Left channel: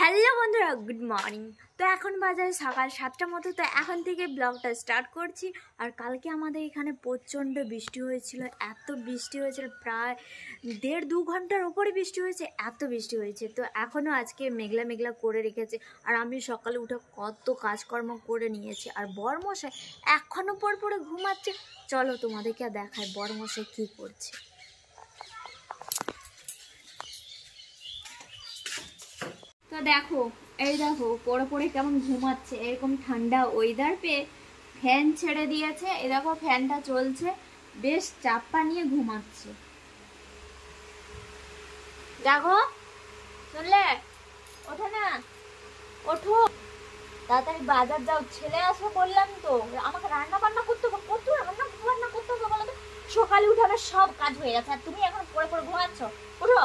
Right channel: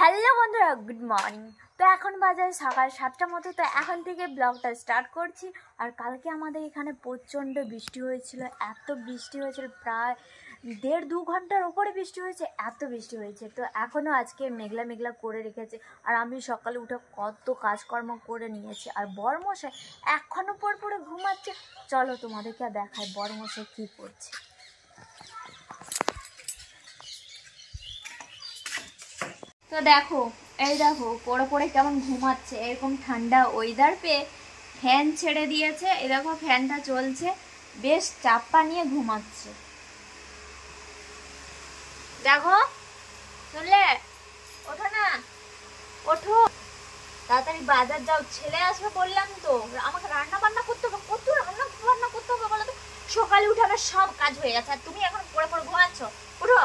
Hello বন্ধুরা, good morning. তো এখন বাজে সকাল 7টার মতো। তো এখন থেকে ব্লগটা স্টার্ট করছি। আর কালকে আমাদের এখানে প্রচণ্ড বৃষ্টি হয়েছিল, এত বৃষ্টি হয়েছিল, প্রায় 1.5-2 ঘন্টার ওপরে বৃষ্টি হয়েছে, এত বৃষ্টি হয়েছে। তো এখনও আজকে মেঘলা মেঘলা করে রেখেছে। আর আমি সকালে উঠে কত কাজকর্ম করে নিয়েছি। আর বরমশাই এখনও পরে ঘুমাচ্ছে। চলো তোমাদেরকে দেখায় বরমশাই কী করছে। তো দেখো, এই দেখো পড়ে কেমন ঘুমাচ্ছে। এরকম ঠান্ডা ওয়েদার পেয়ে ফ্যান ছেড়ে দিয়েছে। এই দেখো ফ্যানটা চলছে, বেশ চাপা নিয়ে ঘুমাচ্ছে। দেখো, শুনলে? ওঠো না, ওঠো তাড়াতাড়ি বাজার যাও, ছেলে আসবে বললাম তো। আমাকে রান্না বান্না করতে হবে, কত রান্না বান্না করতে হবে বলো তো। সকালে উঠে আমার সব কাজ হয়ে গেছে, আর তুমি এখন পড়ে ঘুমাচ্ছ। ওঠো।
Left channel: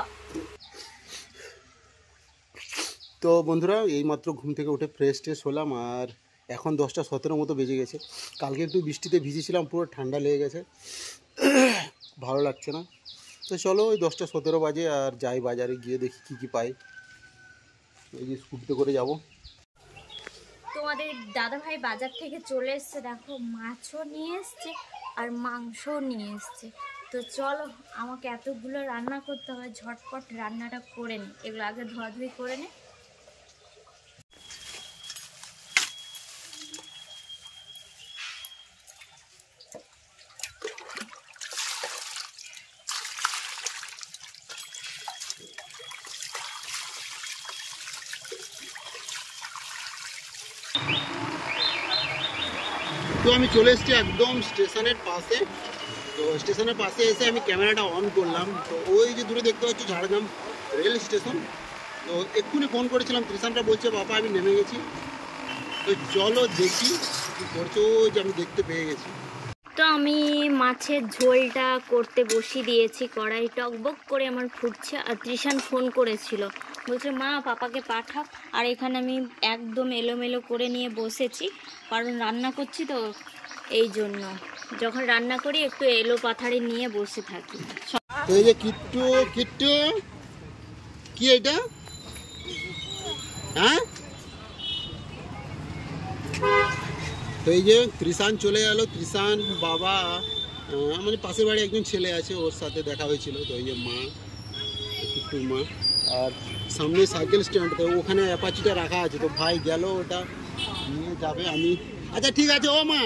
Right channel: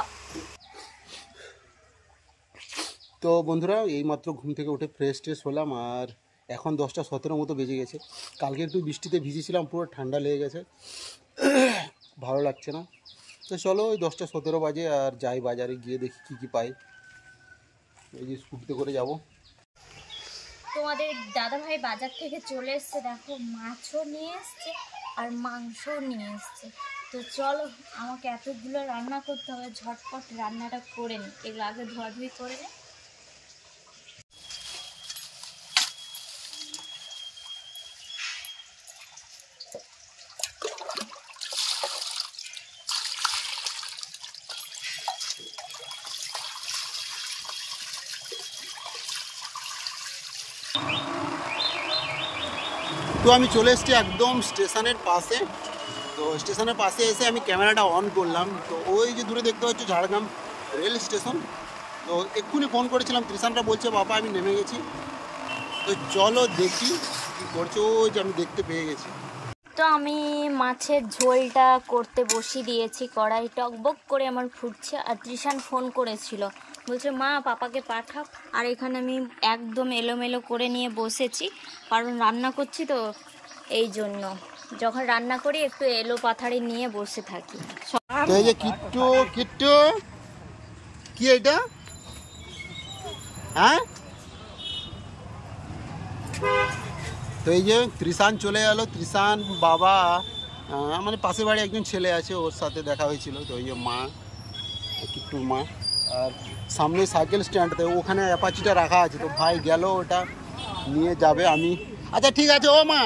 তো বন্ধুরা, এইমাত্র ঘুম থেকে উঠে ফ্রেশ ট্রেশ হলাম। আর এখন 10টা 17 মতো বেজে গেছে। কালকে একটু বৃষ্টিতে ভিজেছিলাম, পুরো ঠান্ডা লেগে গেছে, ভালো লাগছে না। তো চলো, ওই 10টা 17 বাজে আর যাই বাজারে, গিয়ে দেখি কী কী পাই। এই যে স্কুটিতে করে যাব। তোমাদের দাদাভাই বাজার থেকে চলে এসছে, দেখো মাছও নিয়ে এসছে আর মাংসও নিয়ে এসছে। তো চলো, আমাকে এতগুলো রান্না করতে হবে, ঝটপট রান্নাটা করে নিই। এগুলো আগে ধোয়াধুয়ি করে নে। তো আমি চলে এসেছি একদম স্টেশনের পাশে। তো স্টেশনের পাশে এসে আমি ক্যামেরাটা অন করলাম। তো ওই যে দূরে দেখতে পাচ্ছি ঝাড়গ্রাম রেল স্টেশন। তো এক্ষুনি ফোন করেছিলাম, ত্রিশানটা বলছে বাবা আমি নেমে গেছি। তো চলো দেখি কী করছে। ওই যে আমি দেখতে পেয়ে গেছি। তো আমি মাছের ঝোলটা করতে বসিয়ে দিয়েছি, কড়াই টকবক করে আমার ফুটছে। আর ত্রিশান ফোন করেছিল, বলছে মা পাপাকে পাঠাও। আর এখানে আমি একদম এলোমেলো করে নিয়ে বসেছি, কারণ রান্না করছি তো, এই জন্য যখন রান্না করি একটু এলো পাথারি নিয়ে বসে থাকি। তো এই যে কিট্টু কিট্টু, কি এটা? হ্যাঁ, তো এই যে ত্রিশান চলে গেল। ত্রিশান বাবা, মানে পাশের বাড়ি একজন ছেলে আছে, ওর সাথে দেখা হয়েছিল। তো এই যে মা, কিট্টুর মা। আর সামনে সাইকেল স্ট্যান্ডতে ওখানে অ্যাপাচিটা রাখা আছে। তো ভাই গেল, ওটা নিয়ে যাবে। আমি আচ্ছা ঠিক আছে ও মা,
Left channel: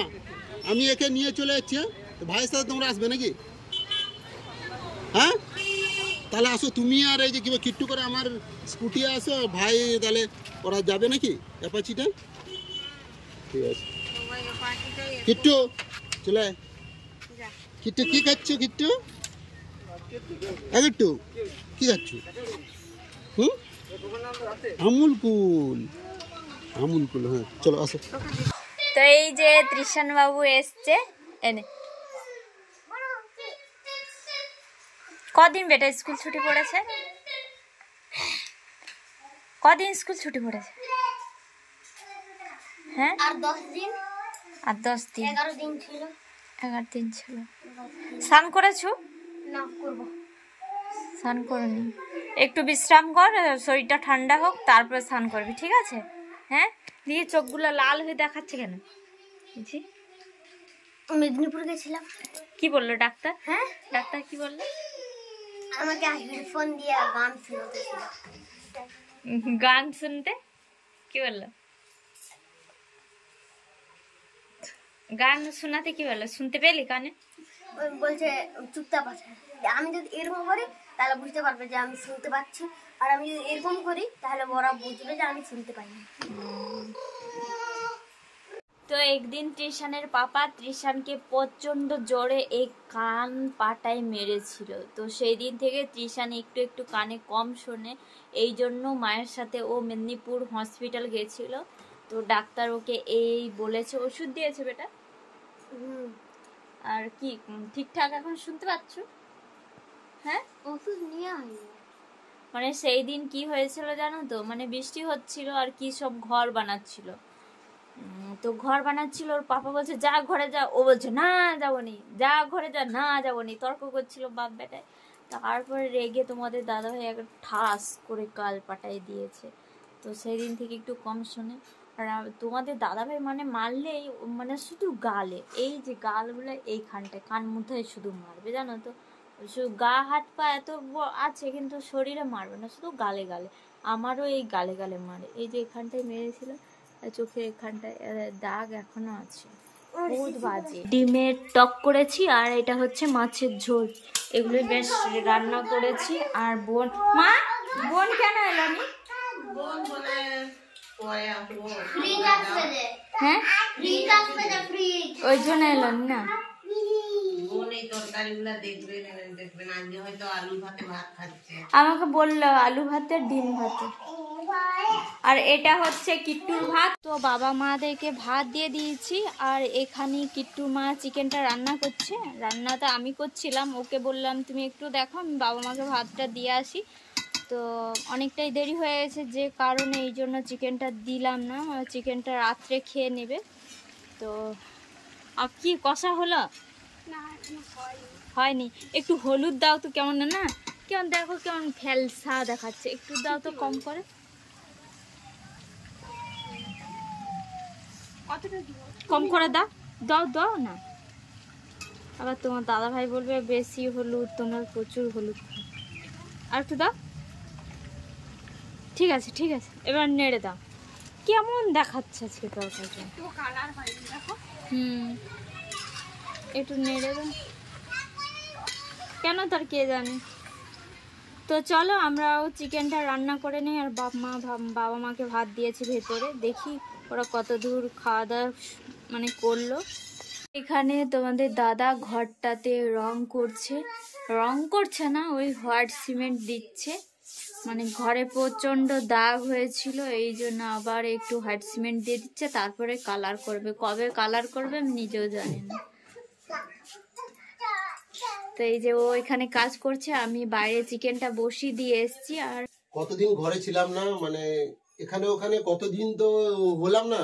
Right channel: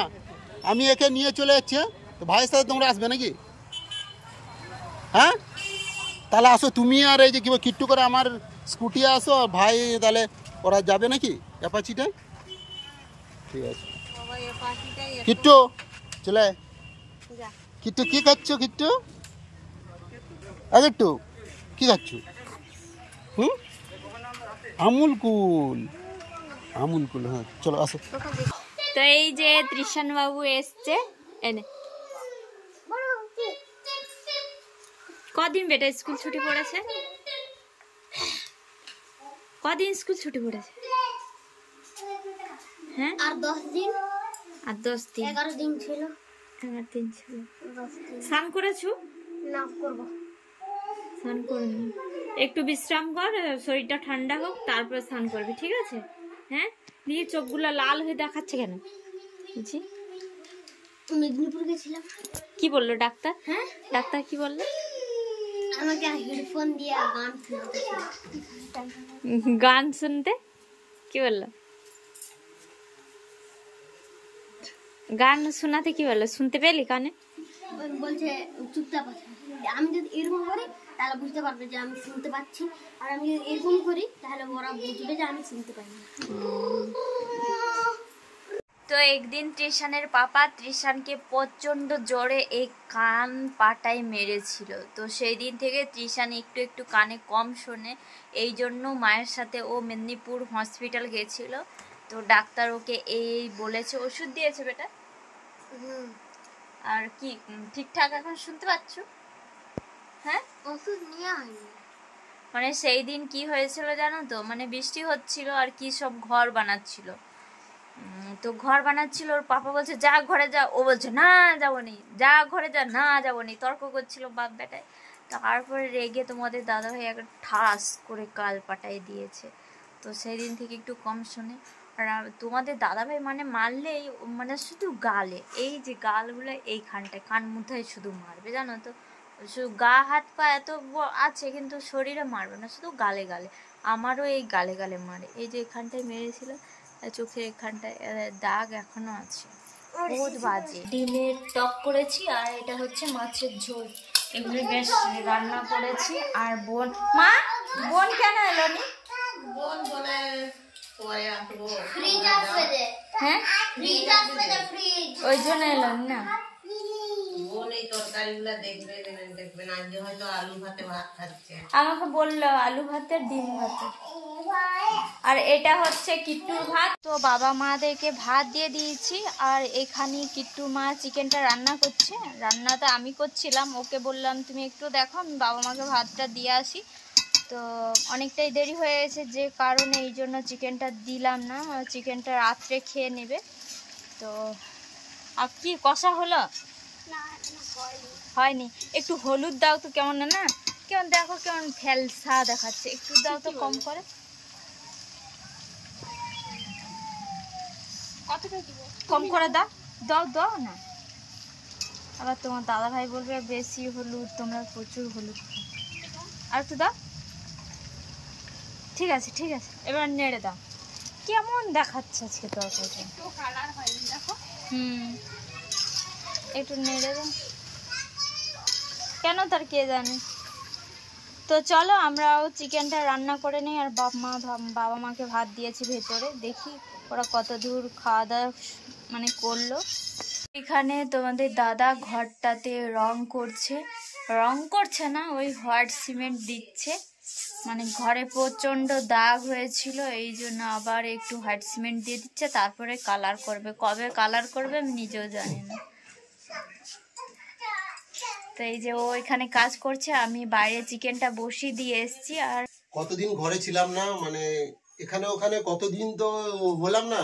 আমি একে নিয়ে চলে যাচ্ছি। তো ভাইয়ের সাথে তোমরা আসবে নাকি? হ্যাঁ, তাহলে আসো তুমি আর এই যে কি কিট্টু করে আমার স্কুটি আসো। ভাই তাহলে ওরা যাবে নাকি অ্যাপাচিটায়? ঠিক আছে কিট্টু, চলে। কিট্টু কি খাচ্ছ? কিট্টু কিট্টু কি খাচ্ছ? আমুল কুল, আমুল কুল। হ্যাঁ চলো আসো। তো এই যে ত্রিশান বাবু এসছে। এনে কদিন বেটা স্কুল ছুটি পড়েছে? কদিন স্কুল ছুটি পড়েছে? হ্যাঁ, আর 10 দিন। আর 10 দিন, 11 দিন ছিল। 11 দিন ছিল। স্নান করেছো? না, করব। স্নান করনি, একটু বিশ্রাম কর, শরীরটা ঠান্ডা হোক, তারপরে স্নান করবি, ঠিক আছে? হ্যাঁ, দিয়ে চোখগুলো লাল হয়ে দেখাচ্ছে কেন? বুঝি মেদিনীপুর গেছিলাম। কি বললো ডাক্তার? হ্যাঁ, ডাক্তার কি বললো? আমাকে হেডফোন দিয়ে গান শোনাতেছিল। গান শুনতে? কি বললো? গান শোনাতে কি বললো? শুনতে পেলি কানে? ওই বলছে চুপচাপ আছে। আমি যদি এরকম করি তাহলে বুঝতে পারবে যে আমি শুনতে পাচ্ছি, আর আমি যদি এরকম করি তাহলে ওরা বুঝবে যে আমি শুনতে পাই না। তো একদিন ত্রিশানের পাপা ত্রিশানকে প্রচণ্ড জোরে এই কান পাটায় মেরেছিল। তো সেই দিন থেকে ত্রিশান একটু একটু কানে কম শোনে, এই জন্য মায়ের সাথে ও মেদিনীপুর হসপিটাল গেছিল। তো ডাক্তার ওকে এই বলেছে, ওষুধ দিয়েছে বেটা। আর কি ঠিকঠাক এখন শুনতে পাচ্ছ? হ্যাঁ, ওষুধ নেওয়া হয়নি। মানে সেই দিন কি হয়েছিল জানো তো, মানে বৃষ্টি হচ্ছিল আর কি সব ঘর বানাচ্ছিল। তো ঘর বানাচ্ছিল, ওর পাপা বলছে যা ঘরে যা, ও বলছে না যাবো নি, যা ঘরে যা, না যাবো নি, তর্ক করছিল বাপ বেটায়। তারপরে রেগে তোমাদের দাদাভাই একটা ঠাস করে কাল পাটাই দিয়েছে। তো সেই দিন থেকে একটু কম শোনে। আর তোমাদের দাদাভাই মানে মারলেই মানে শুধু গালে, এই যে গালগুলো এইখানটায় কান মুথায় শুধু মারবে, জানো তো। শুধু গা হাত পা এত আছে কিন্তু শরীরে মারবে না, শুধু গালে গালে। আমারও এই গালে গালে মারে, এই যে এখানটায় মেরেছিল চোখের এখানটায় দাগ এখনো আছে, বহুত বাজে। ডিমের টক করেছি আর এটা হচ্ছে মাছের ঝোল, এগুলো বেশ রান্না করেছি। আর বোন কেন এলো নি? হ্যাঁ ওই জন্য এলো না। আমাকে বললো আলু ভাতে ডিম ভাতে। আর এটা হচ্ছে কিট্টুর ভাত। তো বাবা মাদেরকে ভাত দিয়ে দিয়েছি আর এখানে কিট্টু মা চিকেনটা রান্না করছে। রান্নাটা আমি করছিলাম, ওকে বললাম তুমি একটু দেখো, আমি বাবা মাকে ভাতটা দিয়ে আসি। তো অনেকটাই দেরি হয়ে গেছে, যে কারণে এই জন্য চিকেনটা দিলাম না, চিকেনটা রাত্রে খেয়ে নেবে। তো আর কি কষা হলো? হয়নি। একটু হলুদ দাও তো, কেমন না কেমন দেখো, কেমন ফেলসা দেখাচ্ছে, একটু দাও তো কম করে। কম করে দাও, দাও দাও না, আবার তোমার দাদা ভাই বলবে বেশি হলুদ, তোমরা প্রচুর হলুদ খাও। আর একটু দাও। ঠিক আছে ঠিক আছে, এবার নেড়ে দাও। কেমন দেখাচ্ছে আজকে তরকারিটা, একটু নেড়ে দাও, কেন তার কে জানে। তো চলো আমরাও চিকেনটা রান্না করে নিই। আর বাবা মাকে ভাত দিয়েছি ভেতরে, দেখি ওরা কত দূর খাওয়া দাওয়া মানে করলো। এখানে তোমাদের দাদা ঘরটাতে রং করছে না, ওই হোয়াইট সিমেন্ট দিচ্ছে। মানে ঘরে প্রচণ্ড দাগ হয়েছিল, এই জন্য আবার একটু হোয়াইট সিমেন্ট দিয়ে দিচ্ছে, তারপরে কালার করবে। কবে কালার করবে আমি নিজেও জানি না। তো এই যে ও এখানে কাজ করছে, আমি বাইরে চিকেনটা বসিয়ে দিয়ে এসছি। আর কতদিন ঘরে ছিলাম না, মানে এখানে ওখানে কতদিন তো হলাম না,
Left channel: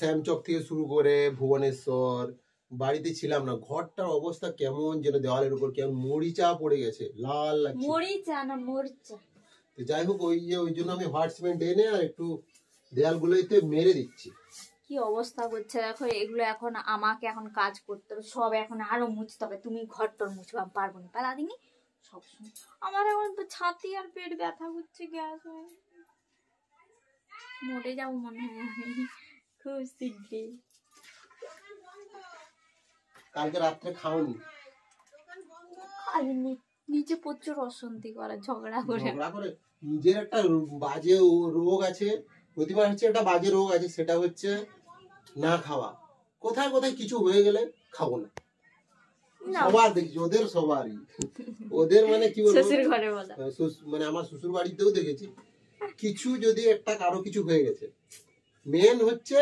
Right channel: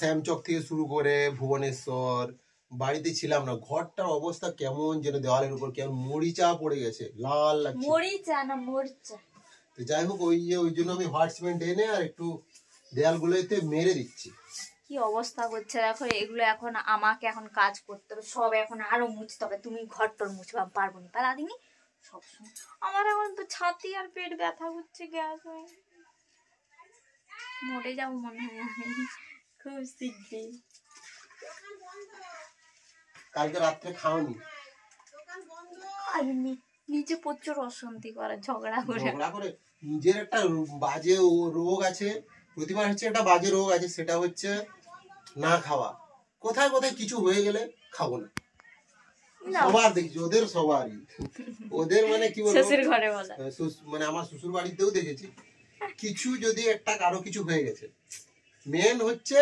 শ্যামচক থেকে শুরু করে ভুবনেশ্বর, বাড়িতে ছিলাম না। ঘরটার অবস্থা কেমন যেন, দেওয়ালের উপর কেমন মরিচা পড়ে গেছে, লাল লাগছে। মরিচা না মরিচা। তো যাই হোক, ওই জন্য আমি হোয়াইট সিমেন্ট এনে আর একটু দেয়ালগুলোতে মেরে দিচ্ছি। কি অবস্থা করছে দেখো, এগুলো এখন আমাকে এখন কাজ করতে হবে, সব এখন আরো মুছতে হবে। তুমি ঘরটর মুছবা পারবো না, পারা দিনি সবসময়। আমার এখন তো ছাতি আর পেট ব্যথা করছে, গ্যাস হয়ে মরে যাবো মনে হয় আমি খুব শীঘ্রই। কালকে রাত্রে খাওনি? খাইনি, নিচে প্রচুর অশান্তি করে, ঝগড়া করে। নিজের একটা বাজে রোগ আছে, প্রতিবার হচ্ছে একটা বাজে রোগ আছে, সেটা হচ্ছে না খাওয়া। কোথায় কোথায় কিছু হয়ে গেলে খাবো না, সবার দেখছি, সবারই ওদের মানে কি বলবো, শ্বশুর ঘরে বলা, মানে আমার শ্বশুর বাড়িতেও দেখেছি, কিছু যদি একটা কারো কিছু হয়ে গেছে, মেন হচ্ছে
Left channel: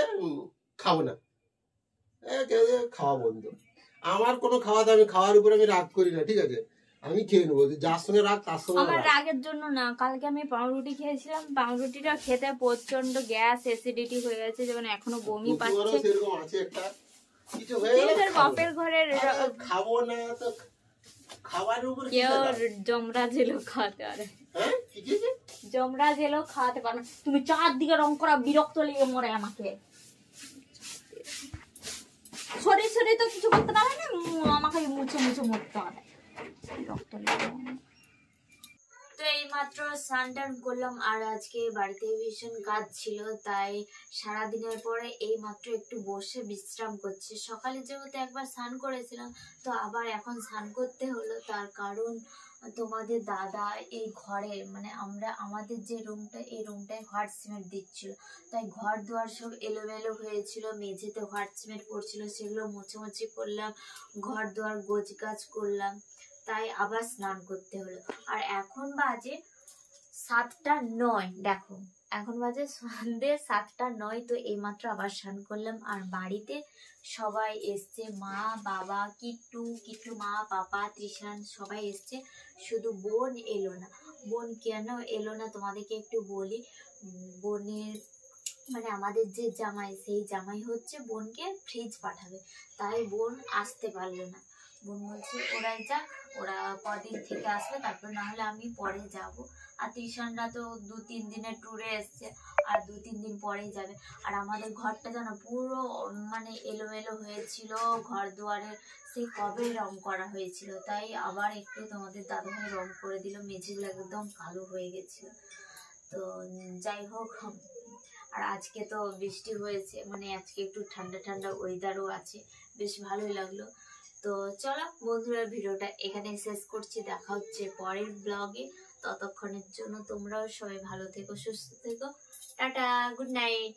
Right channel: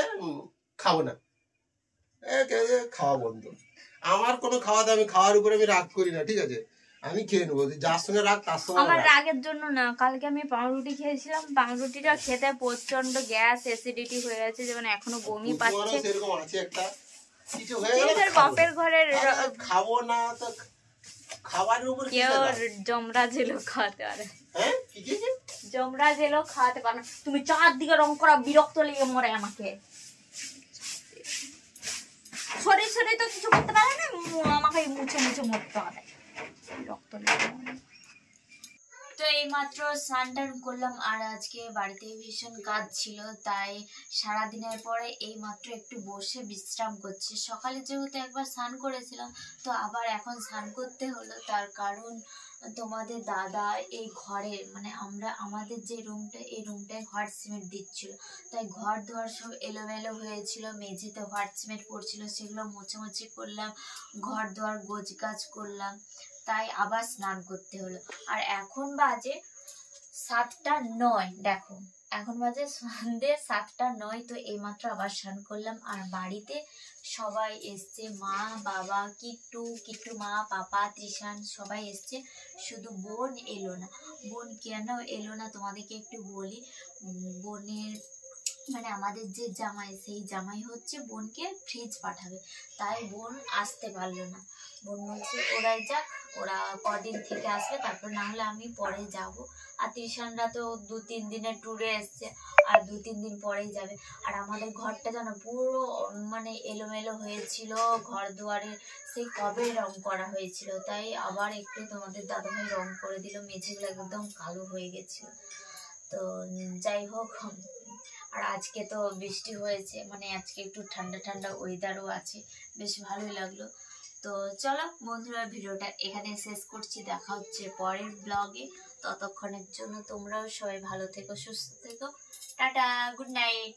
খাবো না, খাওয়া বন্ধ। আমার কোনো খাওয়া দাওয়া, আমি খাওয়ার উপরে আমি রাগ করি না, ঠিক আছে, আমি খেয়ে নেবো, যার সঙ্গে রাগ তার সঙ্গে। আমার রাগের জন্য না, কালকে আমি পাউরুটি খেয়েছিলাম, পাউরুটিটা খেতে প্রচন্ড গ্যাস অ্যাসিডিটি হয়ে গেছে, যেমন এখনো বমি পাচ্ছে। সেরকম আছে একটা কিছু হয়ে গেলে বাপের ঘরের খাবো না, তো খাবারের উপর কেউ জমরা জেলো খাওয়াতে পারে, জমরা জেলো খাওয়াতে পারে না। তুমি চারদিকে রং করা বিরক্ত লেগে মরে আমাকে, শরীর শরীর তো কিছু করতে পারে না, আমাকে মুছে মুছে মরতে হবে, বিরক্ত লেগে। তো এইমাত্র স্নান টান করলাম, আর আজকে বাড়িতে ভীষণ কাজ ছিল, তাই সারাদিনের পরে এইমাত্র একটু বসে বিশ্রাম করছি। সকালে যেহেতু একবার স্নান করেছিলাম, তো আবার এখন স্নান করতে হলো, তার কারণ তোমাদের দাদা এই ঘরের মানে আমাদের যে রুমটা, এই রুমটায় হোয়াইট সিমেন্ট দিচ্ছিল, তাই ঘর দুয়ার সব এলোমেলো হয়েছিল, মেঝেতে হোয়াইট সিমেন্ট পড়ছিল, সেগুলো মোছামুছি করলাম, ঘর দুয়ার গোছ গাছ করলাম, তাই আবার স্নান করতে হলো। আর এখন বাজে 7:09, দেখো এখন বাজে সন্ধ্যে 7:09। তো এইমাত্র আবার স্নান করলাম। আর বাড়িতে সবাই এসছে, মা বাবা কিট্টু মা পাপা তৃষান সবাই এসছে, শুধু বোন এলো না। বোন কেন এলো না তোমাদেরকে একটু বলি। বোনের মানে আমাদের যে জামাই, সেই জামাই হচ্ছে বোনকে ফ্রিজ পাঠাবে, তাই বোন আসতে পারলো না। বোন বলছে ওরা যাক, ওরা কদিন থেকে আসবে, তারপর না হলে আমি পরে যাব। আর ত্রিশানরা তো 2-3 দিনের ট্যুরে এসছে, আর 2-3 দিন পরেই যাবে। আর আমাদের ঘরটা যেন পুরো মানে এলোমেলো হয়েছিল, ঘর দুয়ারে সেই কবে রং করা হয়েছিল, তাই আবার একটু তোমাদের দাদাভাই রং করে দিল, মেঝেগুলো একদম কালো হয়ে গেছিল। তো যাই হোক, আর আজকে তো বৃষ্টি হয়েছে, মানে আজকে একটু ঠান্ডা ঠান্ডা ওয়েদারও আছে, বেশ ভালোই লাগলো। তো চলো বন্ধুরা, ভিডিওটা এখানে শেষ করছি, দেখা হচ্ছে পরের ব্লগে। ততক্ষণের জন্য তোমরাও সবাই ভালো থেকো, সুস্থ থেকো, টাটা, গুড নাইট।